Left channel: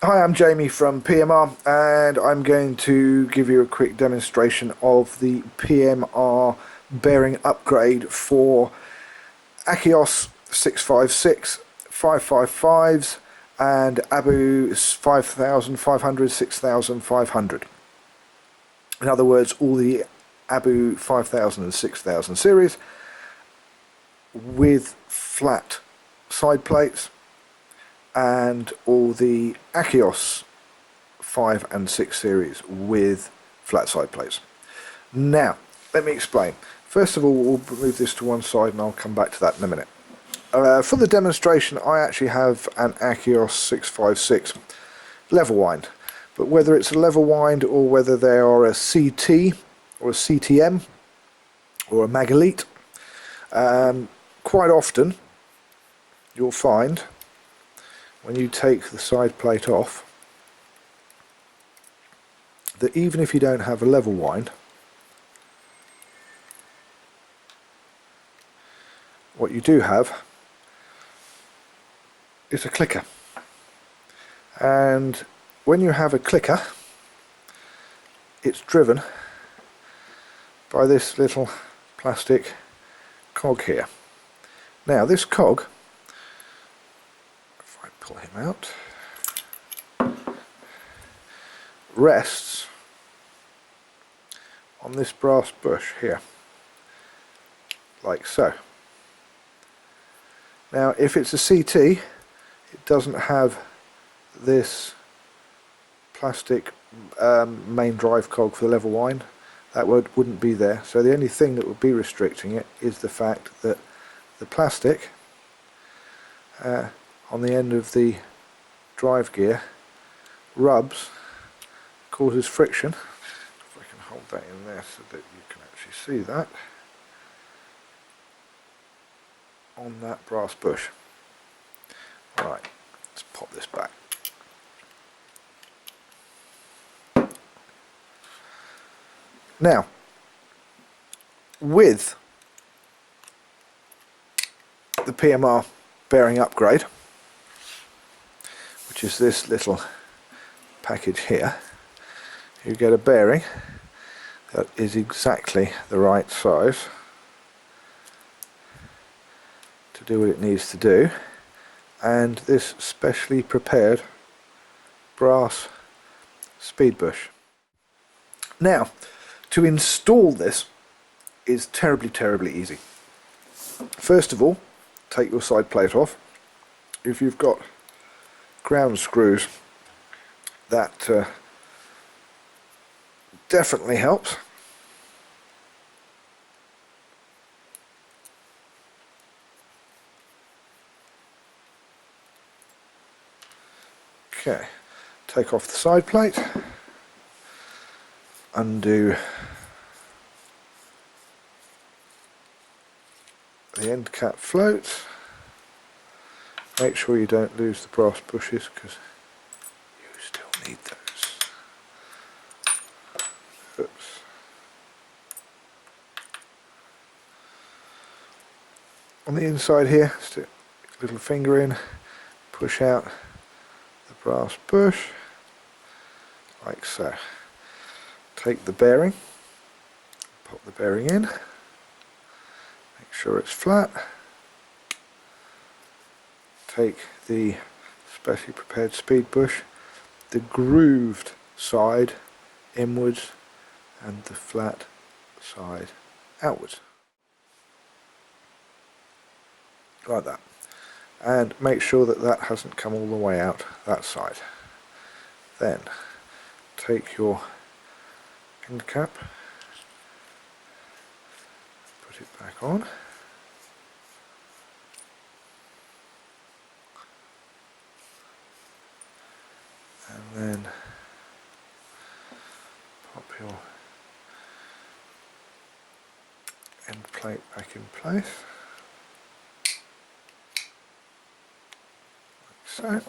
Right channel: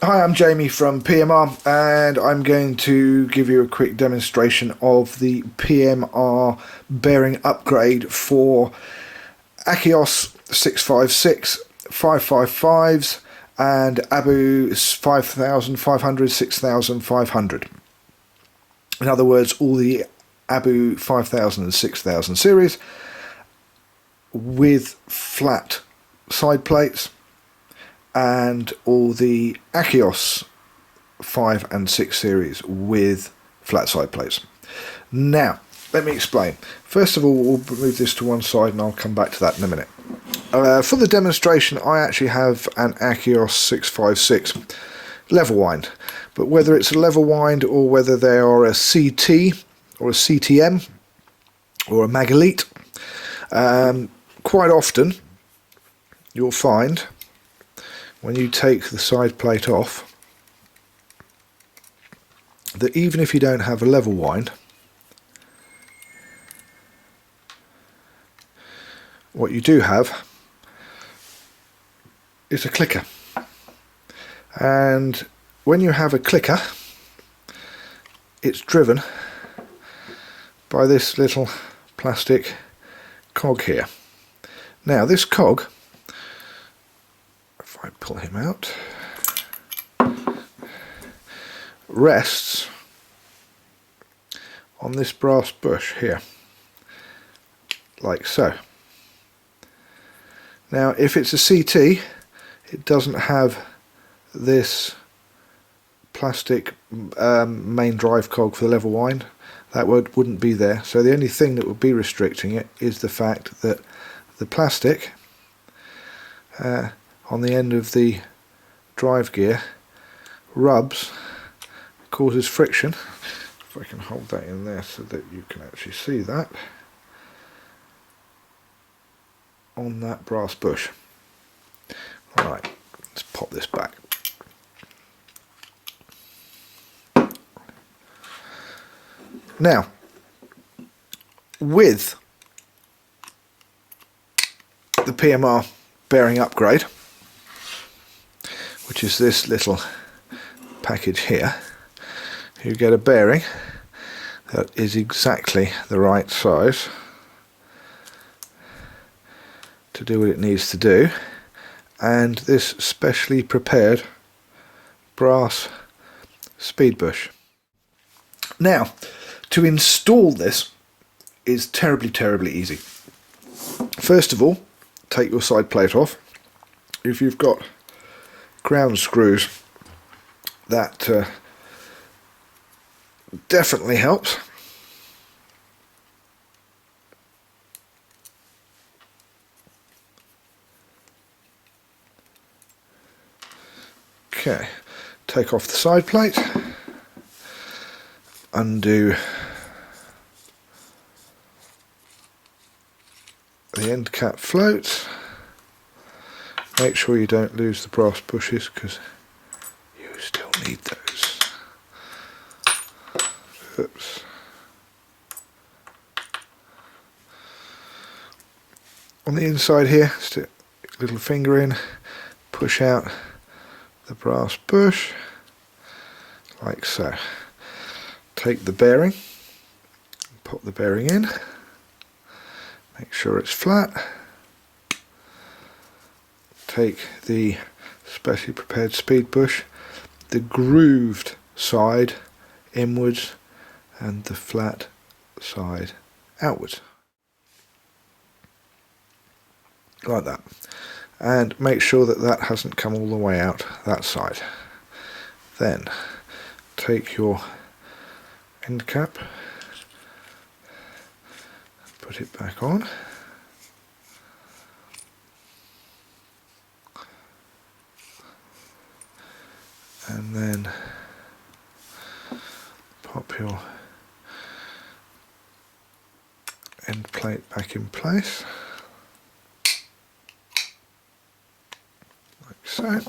Hi, I'm Jamie from PMR, and I'm going to give you a quick demonstration of the PMR bearing upgrade for Akios 656, 555s and Abu 5500, 6500. In other words, all the Abu 5000 and 6000 series with flat side plates, and all the Akios 5 and 6 series with flat side plates. Now, let me explain. First of all, we'll move this to one side and I'll come back to that in a minute. For the demonstration, I actually have an Akios 656 level wind, but whether it's a level wind or whether they are a CT or a CTM or a Magalite, quite often you'll find when you take the side plate off that even if you don't have a level wind, what you do have is a clicker. And when you have a clicker, it's driven by this little plastic cog here. Now this cog, if I pull him out, rests on this brass bush here, like so. Now if it's a CT, it doesn't have this plastic main drive cog for the level wind. That wouldn't be there, so the only thing that would be restricting it is the fact that the plastic on the end of the drive gear rubs, causes friction. If I can hold that in there so that you can actually see that on that brass bush. Alright, let's pop this back. Now, with the PMR bearing upgrade, which is this little package here, you get a bearing that is exactly the right size to do what it needs to do, and this specially prepared brass speed bush. Now, to install this is terribly easy. First of all, take your side plate off. If you've got ground screws, that definitely helps. Okay, take off the side plate, undo the end cap floats, make sure you don't lose the brass bushes because you still need those. Oops. On the inside here, stick a little finger in, push out the brass bush like so. Take the bearing, pop the bearing in, make sure it's flat. Take the specially prepared speed bush, the grooved side inwards and the flat side outwards, like that, and make sure that that hasn't come all the way out that side. Then take your end cap, put it back on, and then pop your end plate back in place, like so.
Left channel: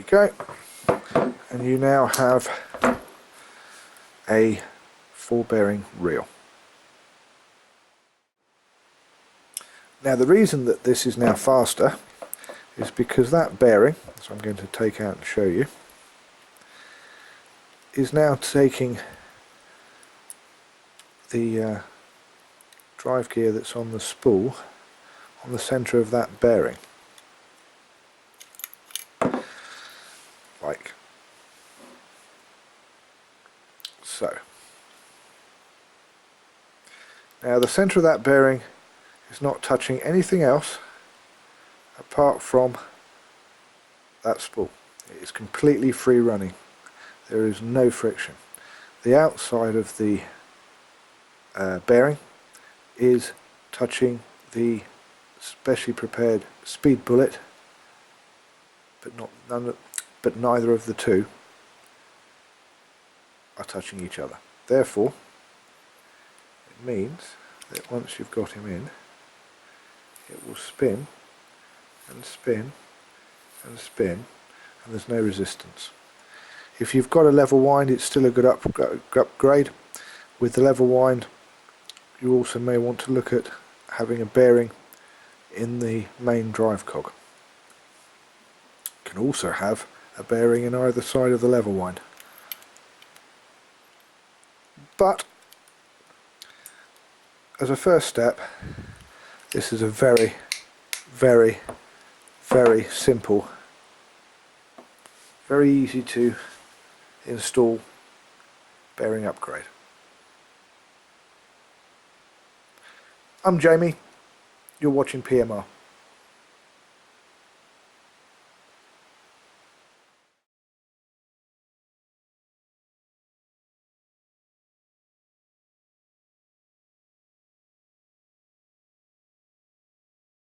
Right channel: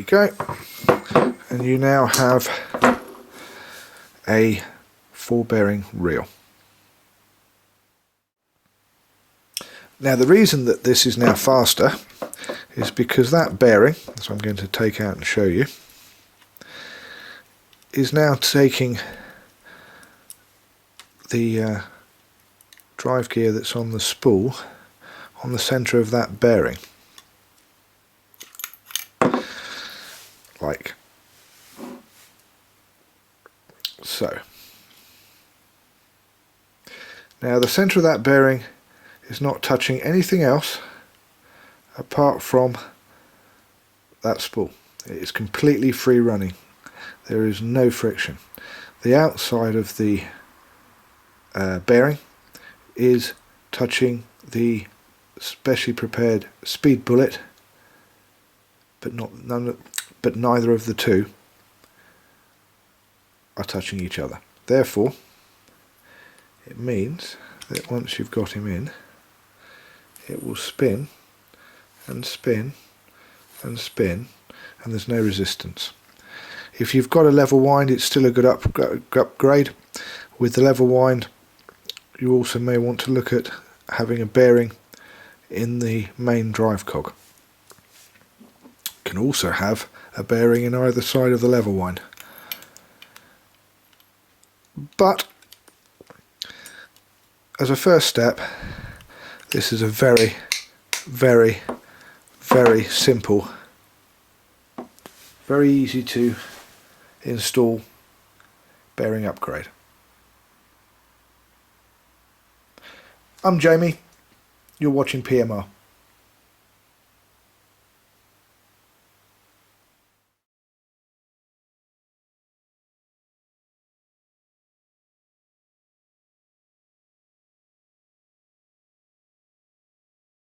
you go. And you now have a 4-bearing reel. Now the reason that this is now faster is because that bearing, so I'm going to take out and show you, is now taking the drive gear that's on the spool on the centre of that bearing, like so. Now the centre of that bearing is not touching anything else apart from that spool. It is completely free running. There is no friction. The outside of the bearing is touching the specially prepared speed bullet, but neither of the two are touching each other. Therefore, it means that once you've got him in, it will spin and spin and spin, and there's no resistance. If you've got a level wind, it's still a good upgrade. With the level wind, you also may want to look at having a bearing in the main drive cog. You can also have a bearing in either side of the level wind. But as a first step, this is a very, very, very simple, very easy to install bearing upgrade. I'm Jamie, you're watching PMR.